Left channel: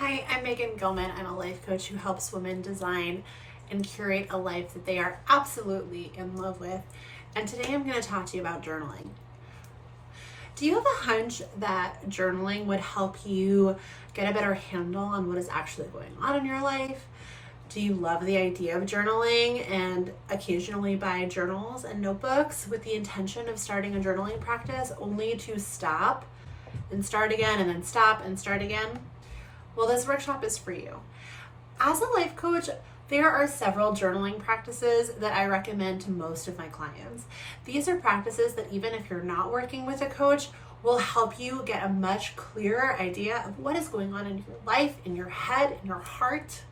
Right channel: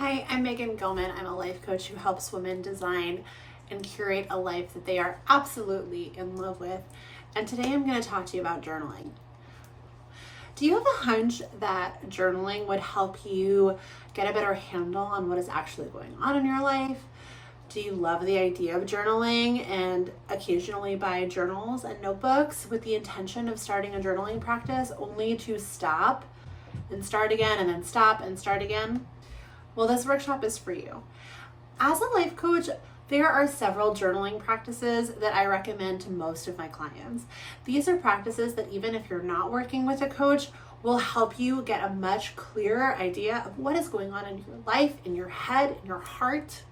Hi, I'm Megan Gilman. I'm a life coach who helps women design and curate a life that they are absolutely in love with. And today I'm going to talk to you about journaling. Do you have a hunch that journaling would help you get a better handle on what is actually going on in your life? Do you love the idea of journaling and occasionally buy journals and notebooks with the intention of starting a journaling practice only to stop and start again and then stop and start again? Well, this workshop is for you. As a life coach, there are several journaling practices that I recommend to most of my clients. These are practices that even if you're not working with a coach, will help you get a much clearer idea of what is going on in your life, in your head, in your heart,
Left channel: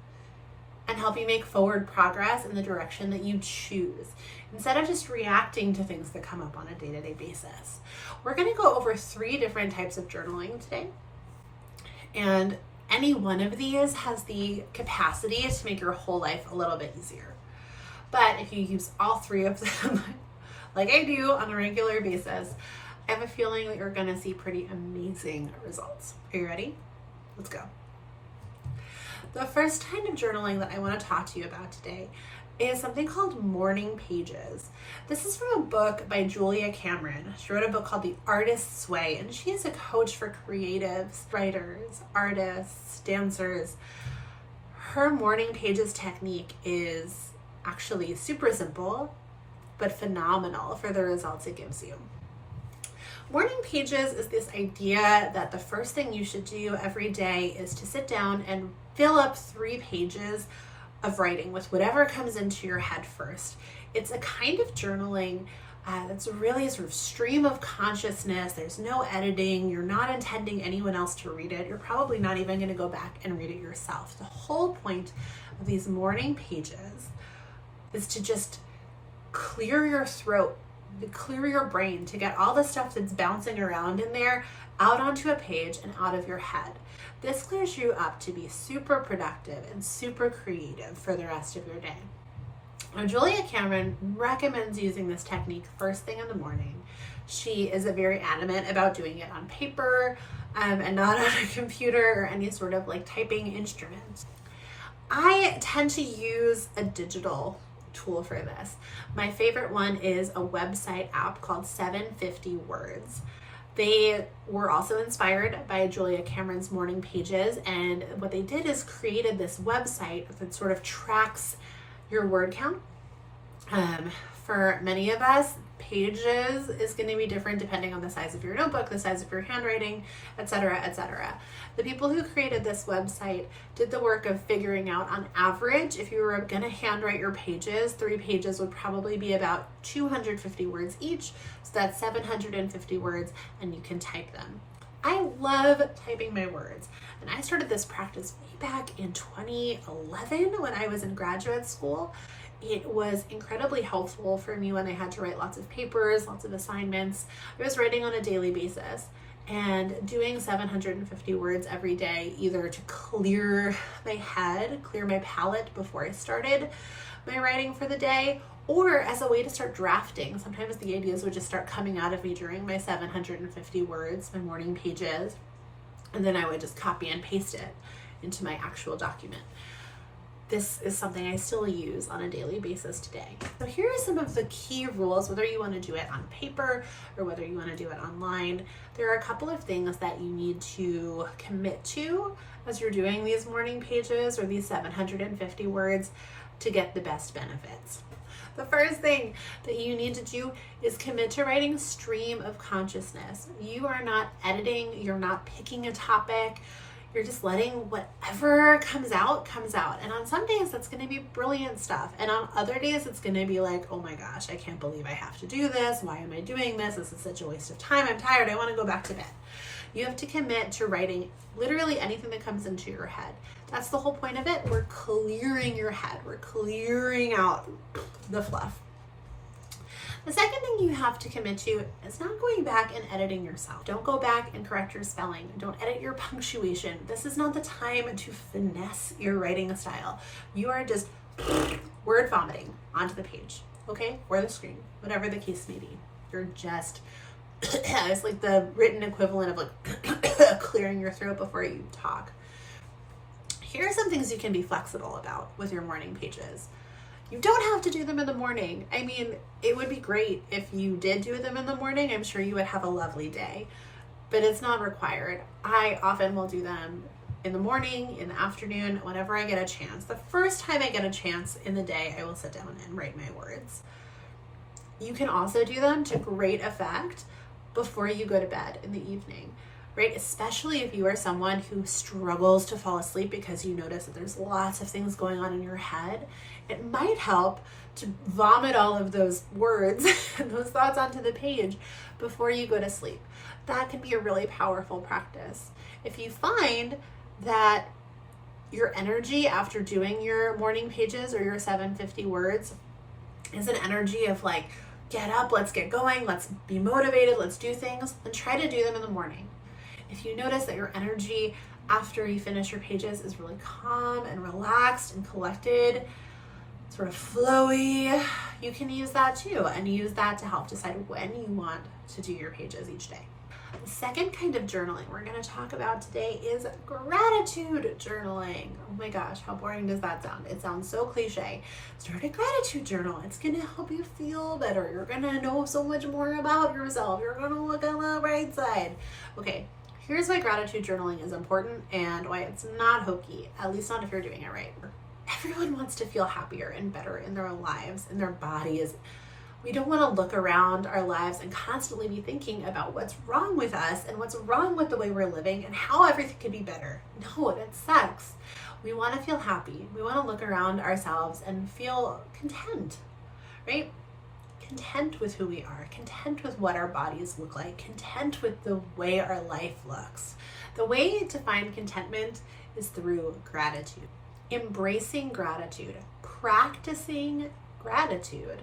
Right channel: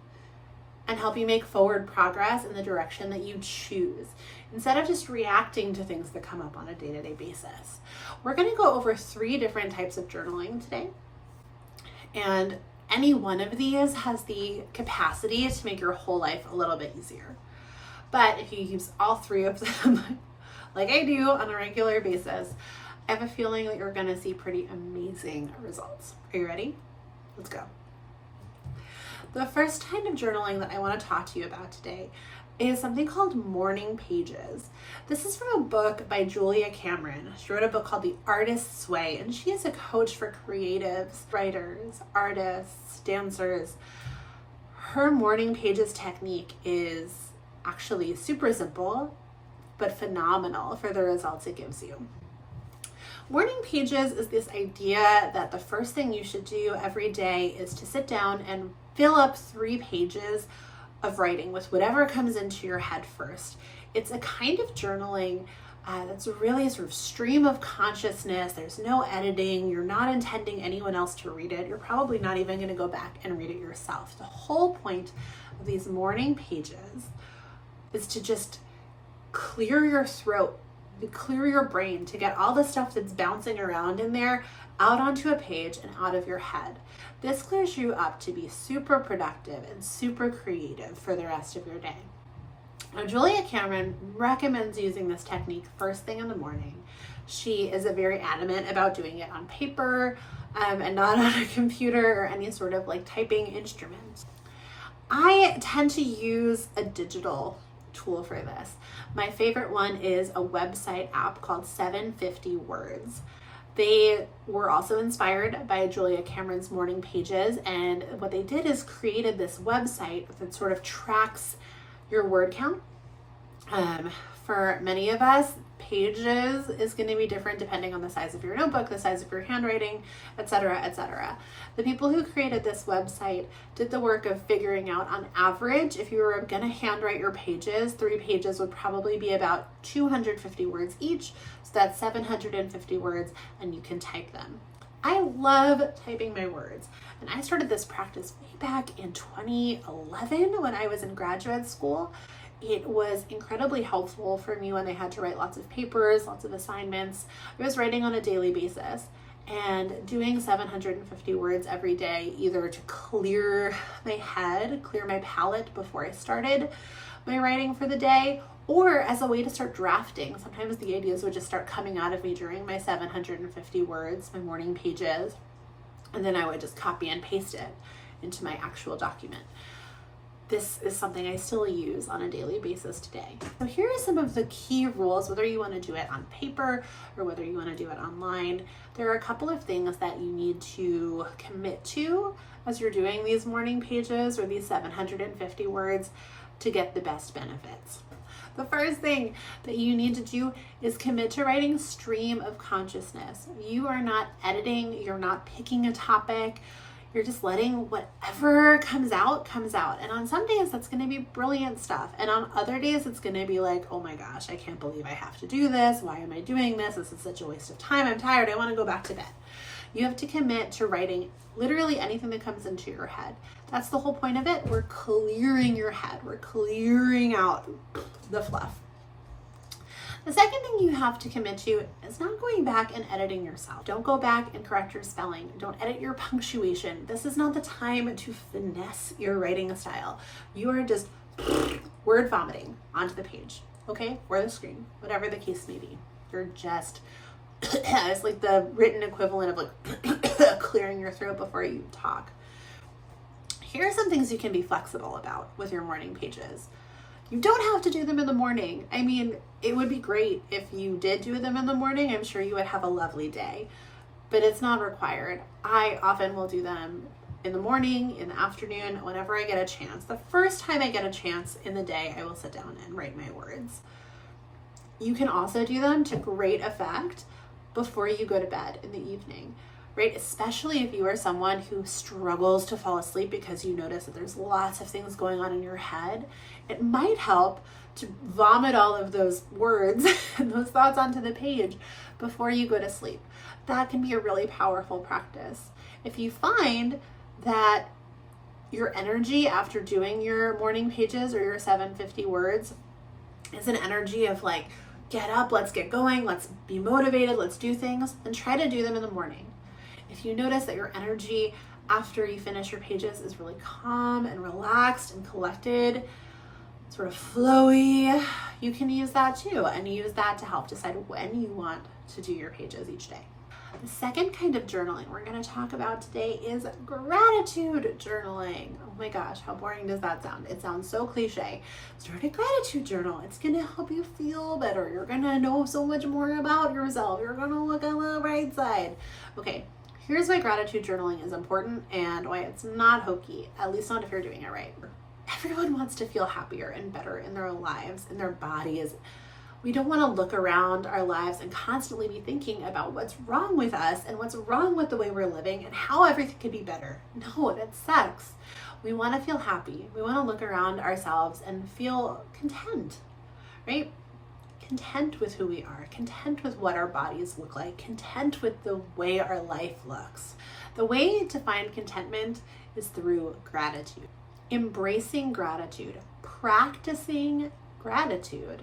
and help you make forward progress in the direction that you choose, instead of just reacting to things that come up on a day-to-day basis. We're going to go over 3 different types of journaling today, and any one of these has the capacity to make your whole life a little bit easier. But if you use all 3 of them, like I do on a regular basis, I have a feeling that you're going to see pretty amazing results. Are you ready? Let's go. The first kind of journaling that I want to talk to you about today is something called morning pages. This is from a book by Julia Cameron. She wrote a book called The Artist's Way, and she is a coach for creatives, writers, artists, dancers. Her morning pages technique is actually super simple, but phenomenal for the results it gives you. Morning pages is this idea that the first thing you should do every day is to sit down and fill up 3 pages of writing with whatever comes into your head first. It's a kind of journaling that's really a sort of stream of consciousness. There's no editing. You're not intending anyone else to read it. You're probably not even going to go back and read it yourself. The whole point of these morning pages is to just clear your throat, clear your brain, to get all the stuff that's bouncing around in there out onto a page and out of your head. This clears you up to be super productive and super creative for the rest of your day. Now, Julia Cameron recommends using this technique first thing in the morning. She is very adamant about doing it on paper and not on a computer or any sort of like typing instrument. I tend to use a digital tool for this. My favorite one is a website app called 750 Words. They were also inspired by Julia Cameron's morning pages, and what they did is created this website that sort of tracks your word count. For many of us, pages is going to be different depending on the size of your notebook, the size of your handwriting, etc., etc. The people who created this website did the work of figuring out, on average, if you were going to handwrite your pages, 3 pages would probably be about 250 words each. So that's 750 words, and you can type them. I love typing my words, and I started this practice way back in 2011 when I was in graduate school. It was incredibly helpful for me when I had to write lots of papers, lots of assignments. I was writing on a daily basis, and doing 750 words every day, either to clear my head, clear my palette before I started my writing for the day, or as a way to start drafting. Sometimes the ideas would just start coming out of me during my 750 words, my morning pages, and then I would just copy and paste it into my actual document. This is something I still use on a daily basis today. So here are some of the key rules, whether you want to do it on paper or whether you want to do it online. There are a couple of things that you need to commit to as you're doing these morning pages or these 750 words to get the best benefits. The first thing that you need to do is commit to writing stream of consciousness. You are not editing, you're not picking a topic, you're just letting whatever comes out. And on some days that's going to be brilliant stuff. And on other days it's going to be like, oh my gosh, I can't believe I have to do this. Why am I doing this? This is such a waste of time. I'm tired. I want to go back to bed. You have to commit to writing literally anything that comes into your head. That's the whole point of it. We're clearing your head. We're clearing out the fluff. The second thing you have to commit to is not going back and editing yourself. Don't go back and correct your spelling. Don't edit your punctuation. This is not the time to finesse your writing style. You are just word vomiting onto the page, okay? Or the screen, whatever the case may be. You're just, it's like the written equivalent of like clearing your throat before you talk. Here are some things you can be flexible about with your morning pages. You don't have to do them in the morning. I mean, it would be great if you did do them in the morning. I'm sure you would have a lovely day, but it's not required. I often will do them in the morning, in the afternoon, whenever I get a chance. The first time I get a chance in the day, I will sit down and write my words. You can also do them to great effect before you go to bed in the evening, right? Especially if you are someone who struggles to fall asleep because you notice that there's lots of things going on in your head. It might help to vomit all of those words and those thoughts onto the page before you go to sleep. That can be a really powerful practice. If you find that your energy after doing your morning pages or your 750 words is an energy of like, get up, let's get going, let's be motivated, let's do things, then try to do them in the morning. If you notice that your energy after you finish your pages is really calm and relaxed and collected, sort of flowy, you can use that too, and use that to help decide when you want to do your pages each day. The second kind of journaling we're going to talk about today is gratitude journaling. Oh my gosh, how boring does that sound? It sounds so cliche. Start a gratitude journal. It's going to help you feel better. You're going to know so much more about yourself. You're going to look on the bright side. Okay, here's why gratitude journaling is important and why it's not hokey, at least not if you're doing it right. Everyone wants to feel happier and better in their lives, in their bodies. We don't want to look around our lives and constantly be thinking about what's wrong with us and what's wrong with the way we're living and how everything could be better. No, that sucks. We want to feel happy. We want to look around ourselves and feel content, right? Content with who we are, content with what our bodies look like, content with the way our life looks. The way to find contentment is through gratitude. Embracing gratitude, practicing gratitude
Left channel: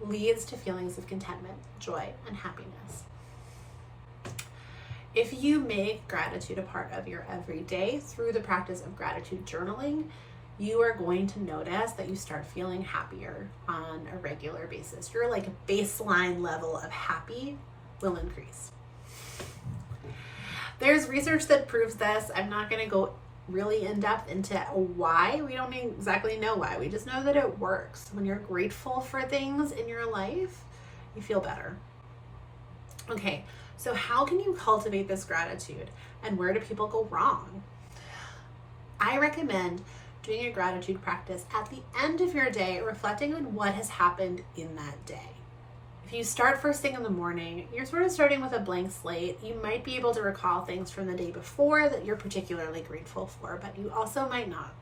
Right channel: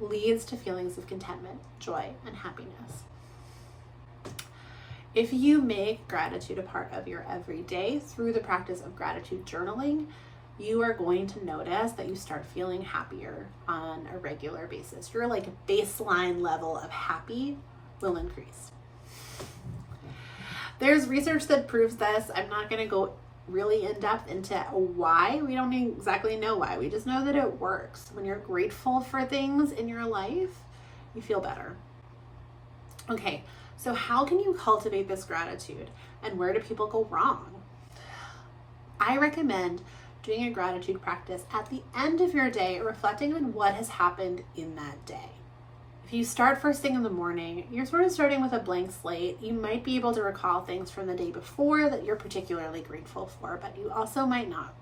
leads to feelings of contentment, joy, and happiness. If you make gratitude a part of your everyday through the practice of gratitude journaling, you are going to notice that you start feeling happier on a regular basis. Your like baseline level of happy will increase. There's research that proves this. I'm not going to go really in depth into why. We don't exactly know why. We just know that it works. When you're grateful for things in your life, you feel better. Okay, so how can you cultivate this gratitude and where do people go wrong? I recommend doing a gratitude practice at the end of your day, reflecting on what has happened in that day. If you start first thing in the morning, you're sort of starting with a blank slate. You might be able to recall things from the day before that you're particularly grateful for, but you also might not.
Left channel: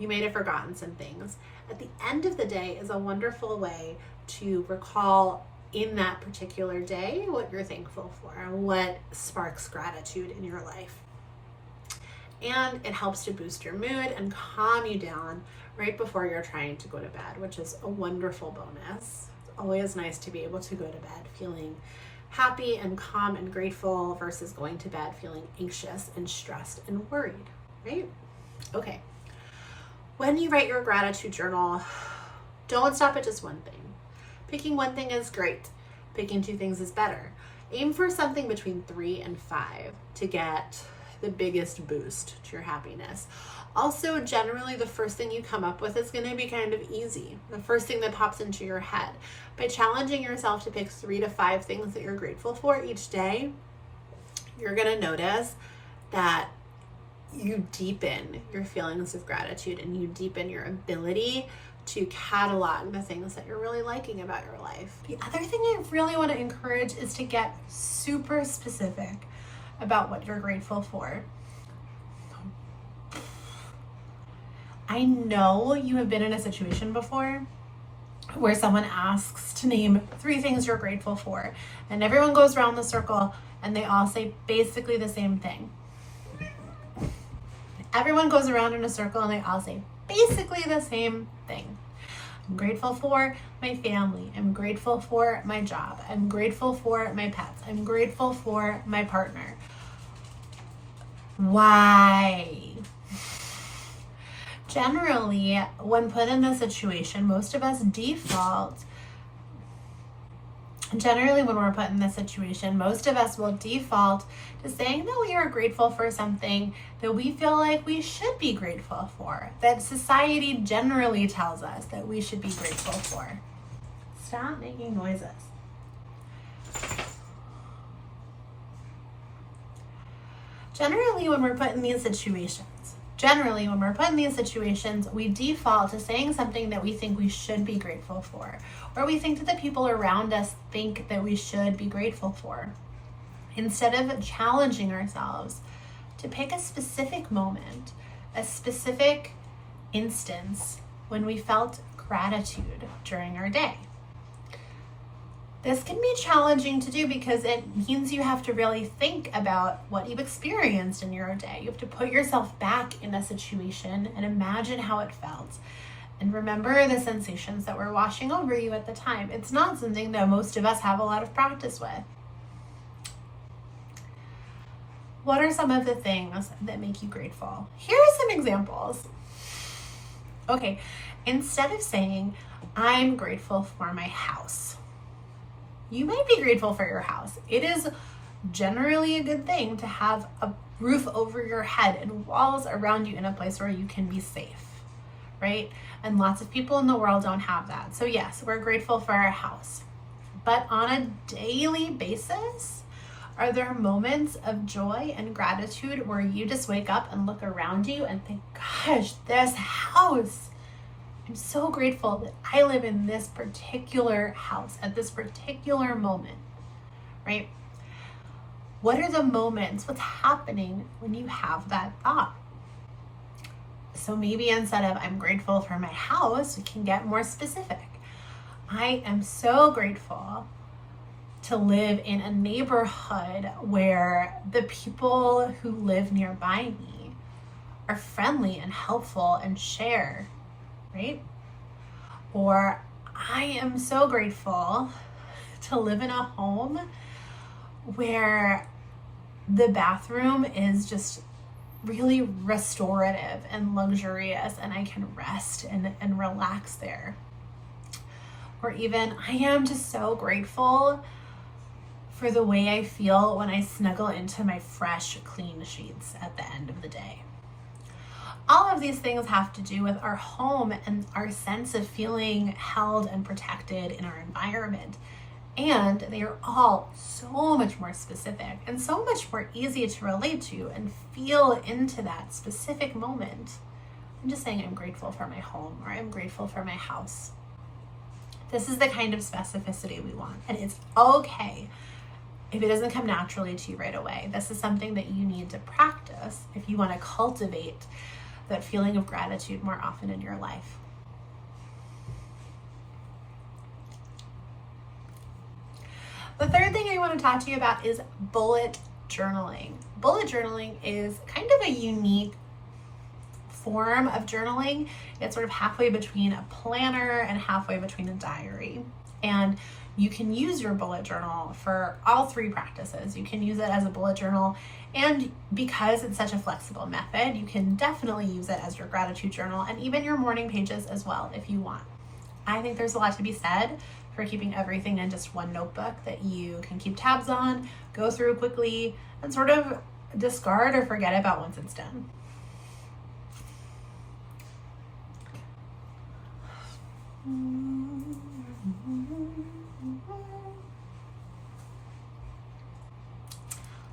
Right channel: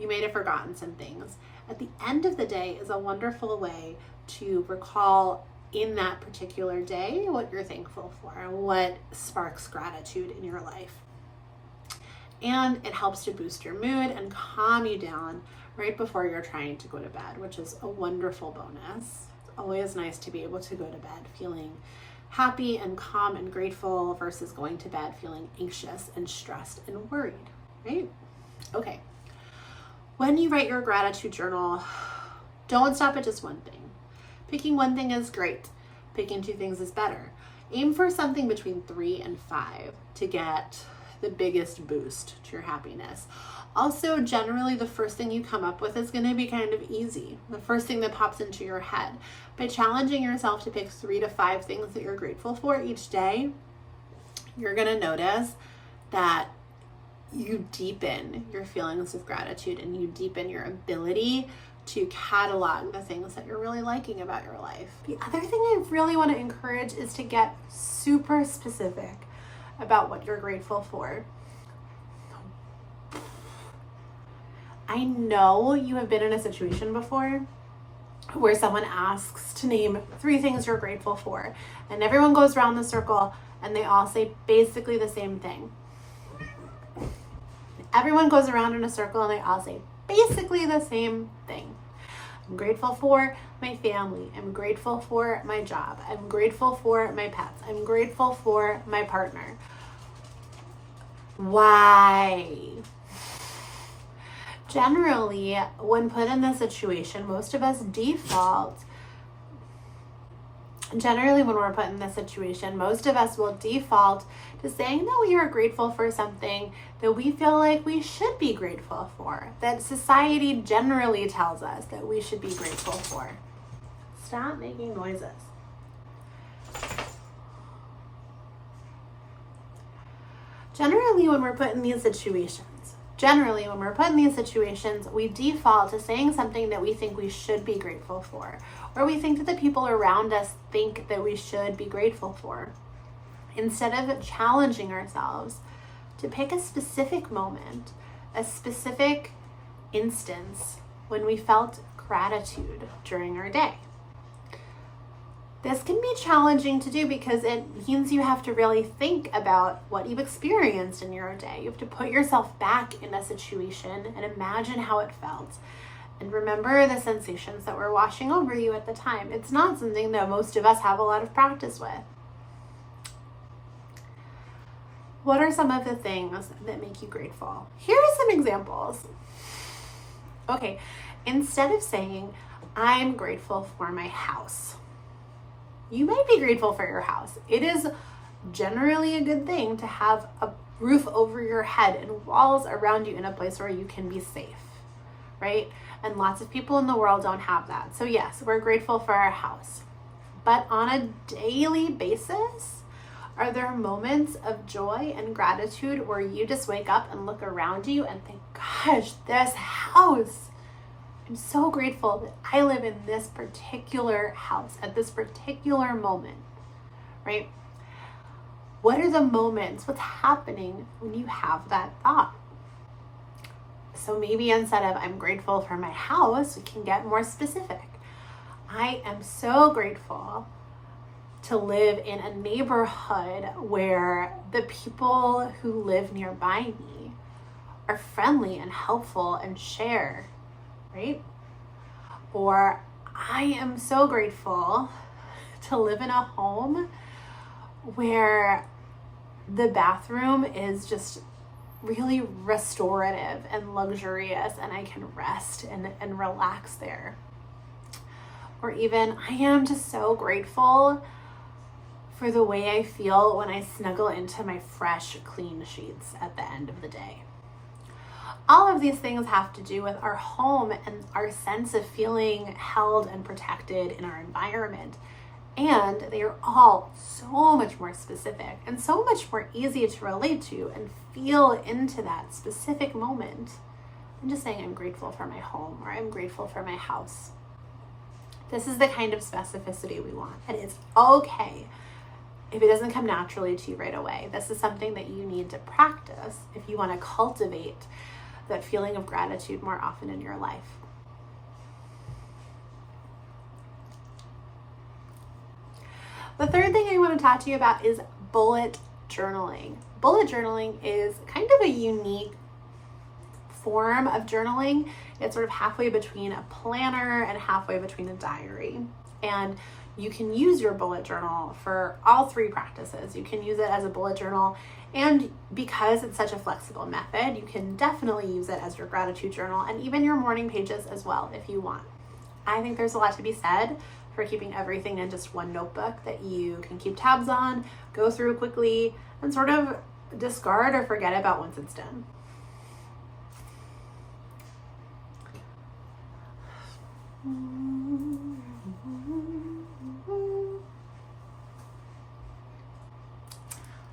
You may have forgotten some things. At the end of the day is a wonderful way to recall in that particular day what you're thankful for and what sparks gratitude in your life. And it helps to boost your mood and calm you down right before you're trying to go to bed, which is a wonderful bonus. Always nice to be able to go to bed feeling happy and calm and grateful versus going to bed feeling anxious and stressed and worried, right? Okay. When you write your gratitude journal, don't stop at just one thing. Picking one thing is great. Picking two things is better. Aim for something between 3 and 5 to get the biggest boost to your happiness. Also, generally, the first thing you come up with is going to be kind of easy. The first thing that pops into your head. By challenging yourself to pick 3 to 5 things that you're grateful for each day, you're going to notice that you deepen your feelings of gratitude and you deepen your ability to catalog the things that you're really liking about your life. The other thing I really want to encourage is to get super specific about what you're grateful for. I know you have been in a situation before where someone asks to name 3 things you're grateful for, and everyone goes around the circle and they all say basically the same thing. Everyone goes around in a circle and they all say basically the same thing. I'm grateful for my family. I'm grateful for my job. I'm grateful for my pets. I'm grateful for my partner. Why? Generally, when put in this situation, most of us default Generally, when we're put in this situation, most of us will default to saying that we are grateful for something that we feel like we should be grateful for, that society generally tells us that we should be grateful for. Stop making noises. Generally, when we're put in these situations, we default to saying something that we think we should be grateful for, or we think that the people around us think that we should be grateful for, instead of challenging ourselves to pick a specific moment, a specific instance when we felt gratitude during our day. This can be challenging to do because it means you have to really think about what you've experienced in your day. You have to put yourself back in a situation and imagine how it felt. And remember the sensations that were washing over you at the time. It's not something that most of us have a lot of practice with. What are some of the things that make you grateful? Here are some examples. Okay, instead of saying, I'm grateful for my house, you might be grateful for your house. It is generally a good thing to have a roof over your head and walls around you in a place where you can be safe, right? And lots of people in the world don't have that. So yes, we're grateful for our house. But on a daily basis, are there moments of joy and gratitude where you just wake up and look around you and think, gosh, this house, I'm so grateful that I live in this particular house at this particular moment, right? What are the moments? What's happening when you have that thought? So maybe instead of I'm grateful for my house, we can get more specific. I am so grateful to live in a neighborhood where the people who live nearby me are friendly and helpful and share, right? Or I am so grateful to live in a home where the bathroom is just really restorative and luxurious and I can rest and relax there. Or even I am just so grateful for the way I feel when I snuggle into my fresh, clean sheets at the end of the day. All of these things have to do with our home and our sense of feeling held and protected in our environment. And they are all so much more specific and so much more easy to relate to and feel into that specific moment. I'm just saying I'm grateful for my home or I'm grateful for my house. This is the kind of specificity we want. And it's okay if it doesn't come naturally to you right away. This is something that you need to practice if you want to cultivate that feeling of gratitude more often in your life. The third thing I want to talk to you about is bullet journaling. Bullet journaling is kind of a unique form of journaling. It's sort of halfway between a planner and halfway between a diary. And you can use your bullet journal for all three practices. You can use it as a bullet journal, and because it's such a flexible method, you can definitely use it as your gratitude journal and even your morning pages as well if you want. I think there's a lot to be said for keeping everything in just one notebook that you can keep tabs on, go through quickly, and sort of discard or forget about once it's done.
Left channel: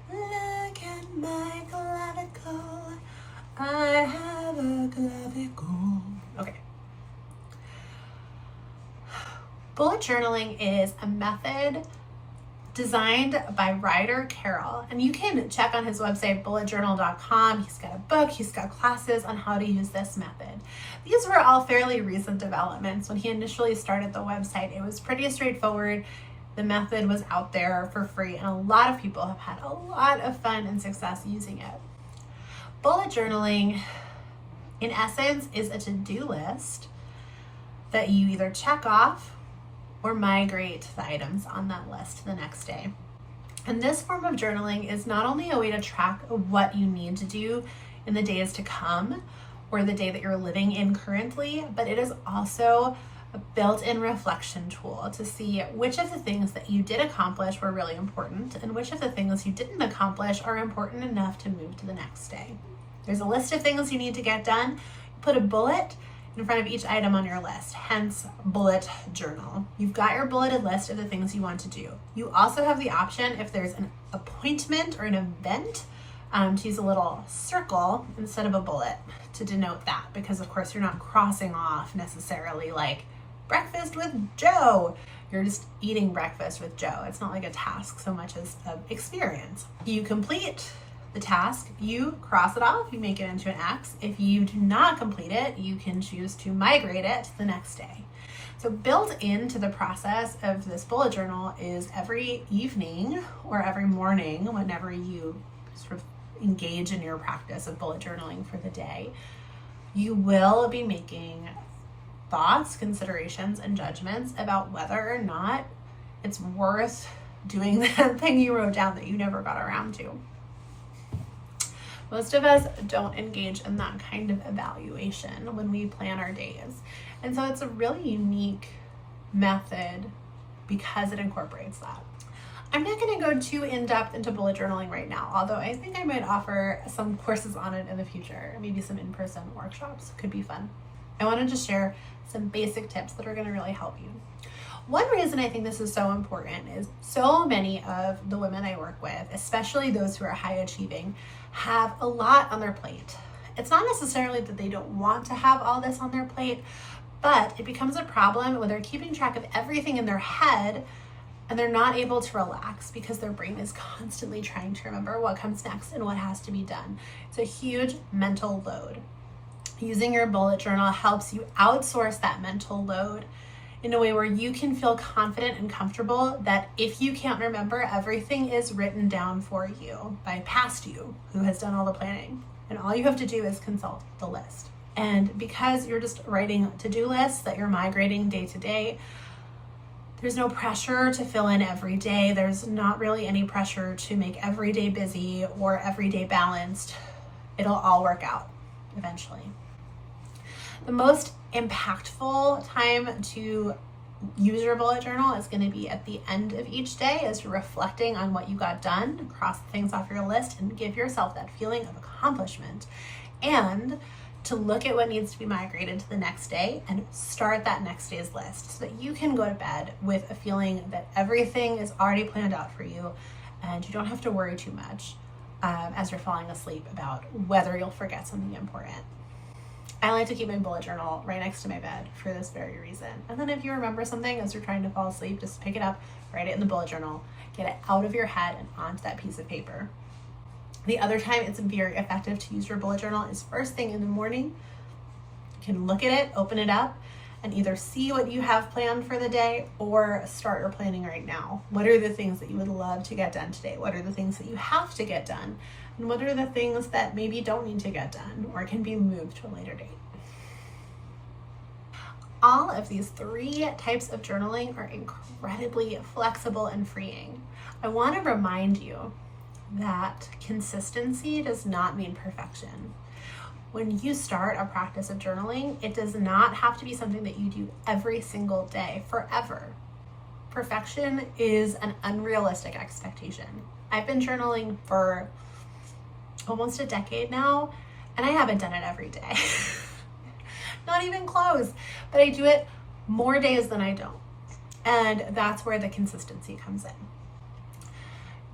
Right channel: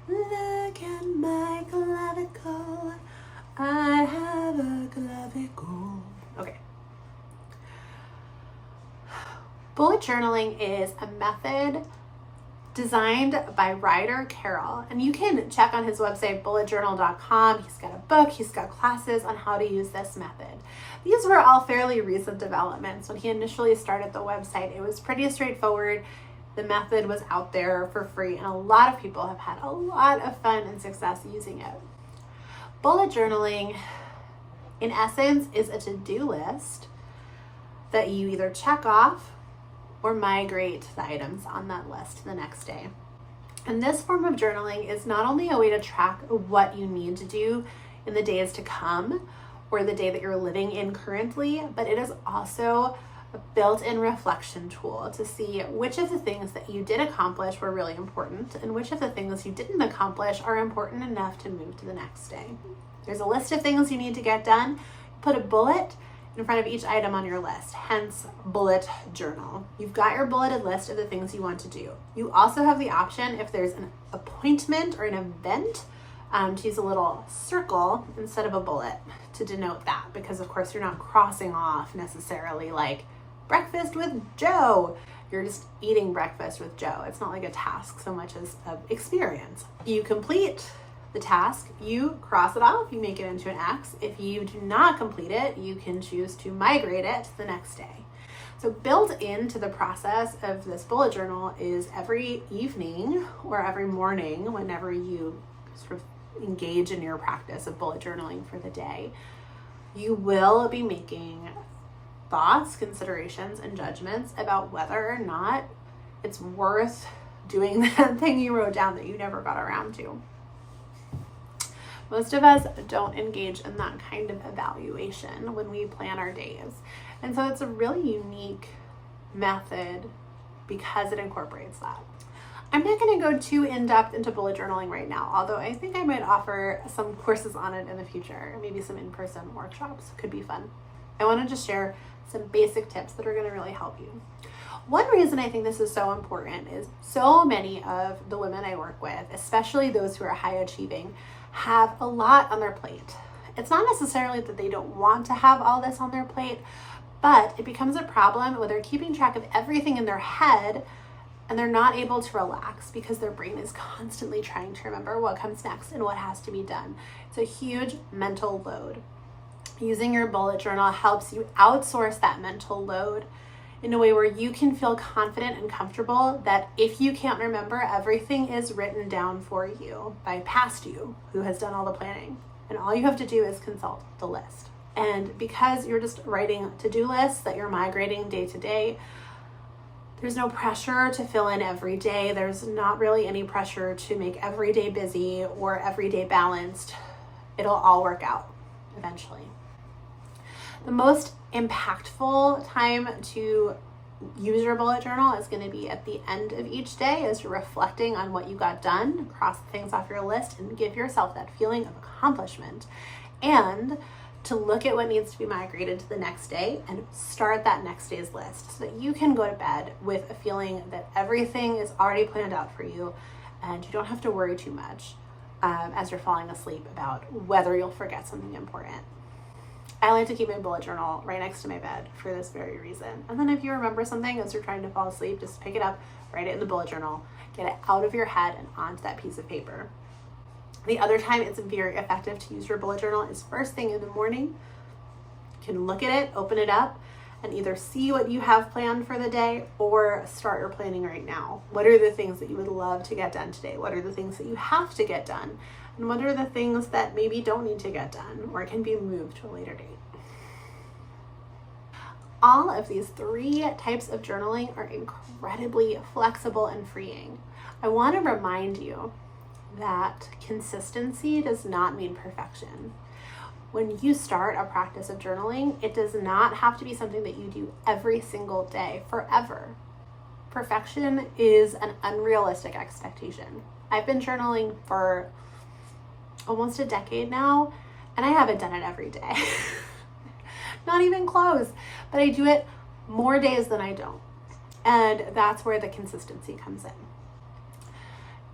Look at my clavicle. I have a clavicle. Okay. Bullet journaling is a method designed by Ryder Carroll, and you can check on his website, bulletjournal.com. He's got a book, he's got classes on how to use this method. These were all fairly recent developments. When he initially started the website, it was pretty straightforward. The method was out there for free, and a lot of people have had a lot of fun and success using it. Bullet journaling, in essence, is a to-do list that you either check off or migrate the items on that list the next day. And this form of journaling is not only a way to track what you need to do in the days to come or the day that you're living in currently, but it is also a built-in reflection tool to see which of the things that you did accomplish were really important and which of the things you didn't accomplish are important enough to move to the next day. There's a list of things you need to get done. Put a bullet in front of each item on your list, hence bullet journal. You've got your bulleted list of the things you want to do. You also have the option, if there's an appointment or an event, to use a little circle instead of a bullet to denote that, because of course you're not crossing off necessarily like breakfast with Joe. You're just eating breakfast with Joe. It's not like a task so much as an experience. You complete the task, you cross it off, you make it into an X. If you do not complete it, you can choose to migrate it to the next day. So built into the process of this bullet journal is every evening or every morning, whenever you sort of engage in your practice of bullet journaling for the day, you will be making thoughts, considerations, and judgments about whether or not it's worth doing that thing you wrote down that you never got around to. Most of us don't engage in that kind of evaluation when we plan our days. And so it's a really unique method because it incorporates that. I'm not going to go too in-depth into bullet journaling right now, although I think I might offer some courses on it in the future, maybe some in-person workshops. Could be fun. I want to just share some basic tips that are going to really help you. One reason I think this is so important is so many of the women I work with, especially those who are high achieving, have a lot on their plate. It's not necessarily that they don't want to have all this on their plate, but it becomes a problem when they're keeping track of everything in their head and they're not able to relax because their brain is constantly trying to remember what comes next and what has to be done. It's a huge mental load. Using your bullet journal helps you outsource that mental load in a way where you can feel confident and comfortable that if you can't remember, everything is written down for you by past you who has done all the planning. And all you have to do is consult the list. And because you're just writing to-do lists that you're migrating day to day, there's no pressure to fill in every day. There's not really any pressure to make every day busy or every day balanced. It'll all work out eventually. The most impactful time to use your bullet journal is going to be at the end of each day as you're reflecting on what you got done, cross things off your list, and give yourself that feeling of accomplishment. And to look at what needs to be migrated to the next day and start that next day's list so that you can go to bed with a feeling that everything is already planned out for you and you don't have to worry too much as you're falling asleep about whether you'll forget something important. I like to keep my bullet journal right next to my bed for this very reason. And then if you remember something as you're trying to fall asleep, just pick it up, write it in the bullet journal, get it out of your head and onto that piece of paper. The other time it's very effective to use your bullet journal is first thing in the morning. You can look at it, open it up, and either see what you have planned for the day or start your planning right now. What are the things that you would love to get done today? What are the things that you have to get done? And what are the things that maybe don't need to get done or can be moved to a later date? All of these 3 types of journaling are incredibly flexible and freeing. I want to remind you that consistency does not mean perfection. When you start a practice of journaling, it does not have to be something that you do every single day forever. Perfection is an unrealistic expectation. I've been journaling for almost a decade now, and I haven't done it every day. Not even close, but I do it more days than I don't. And that's where the consistency comes in.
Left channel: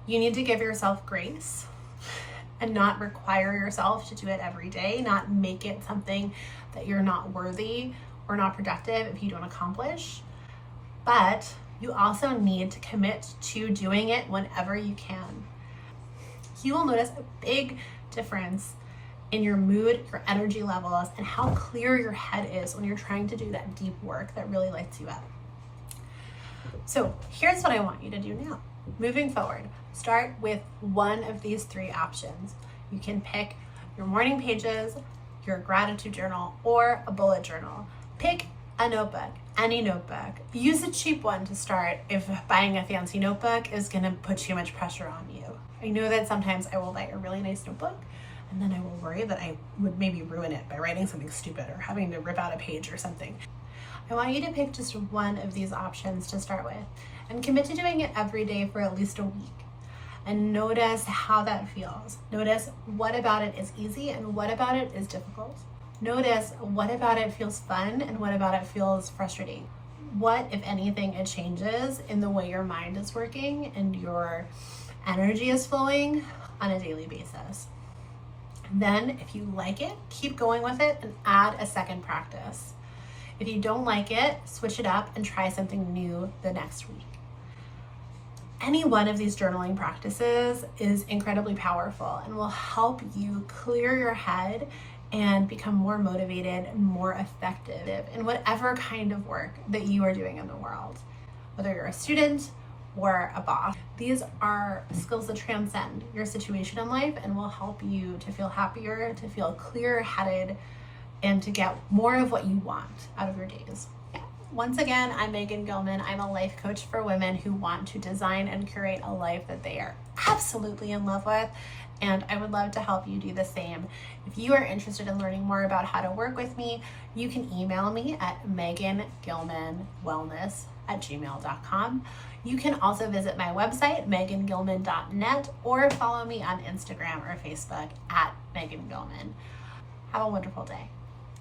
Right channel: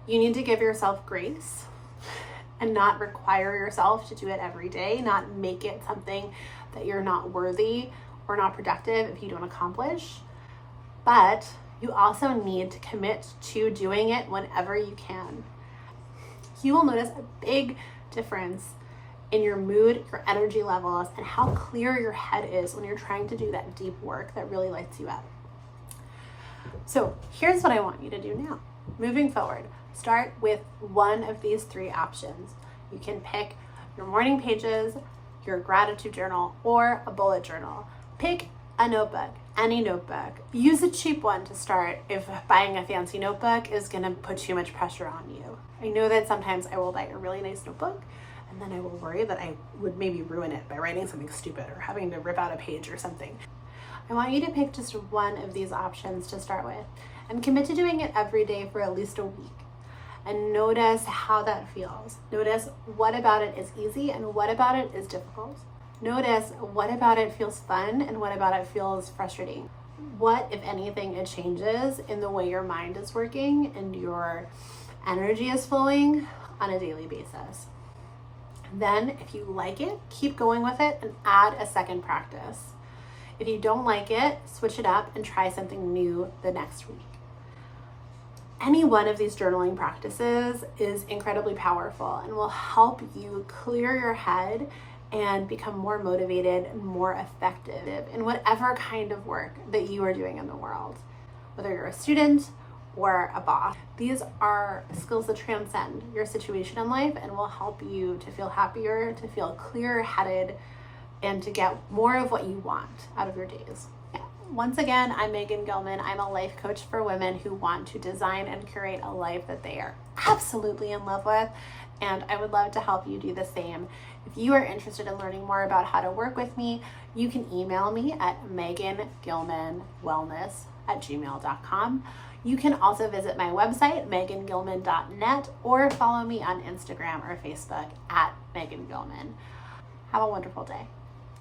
You need to give yourself grace and not require yourself to do it every day, not make it something that you're not worthy or not productive if you don't accomplish. But you also need to commit to doing it whenever you can. You will notice a big difference in your mood, your energy levels, and how clear your head is when you're trying to do that deep work that really lights you up. So here's what I want you to do now. Moving forward, start with one of these 3 options. You can pick your morning pages, your gratitude journal, or a bullet journal. Pick a notebook, any notebook. Use a cheap one to start if buying a fancy notebook is gonna put too much pressure on you. I know that sometimes I will buy a really nice notebook and then I will worry that I would maybe ruin it by writing something stupid or having to rip out a page or something. I want you to pick just one of these options to start with and commit to doing it every day for at least a week. And notice how that feels. Notice what about it is easy and what about it is difficult. Notice what about it feels fun and what about it feels frustrating. What, if anything, it changes in the way your mind is working and your energy is flowing on a daily basis. Then, if you like it, keep going with it and add a second practice. If you don't like it, switch it up and try something new the next week. Any one of these journaling practices is incredibly powerful and will help you clear your head and become more motivated and more effective in whatever kind of work that you are doing in the world, whether you're a student or a boss. These are skills that transcend your situation in life and will help you to feel happier, to feel clear-headed, and to get more of what you want out of your days. Once again, I'm Megan Gilman. I'm a life coach for women who want to design and curate a life that they are absolutely in love with, and I would love to help you do the same. If you are interested in learning more about how to work with me, you can email me at megangilmanwellness@gmail.com. You can also visit my website, megangilman.net, or follow me on Instagram or Facebook at Megan Gilman. Have a wonderful day.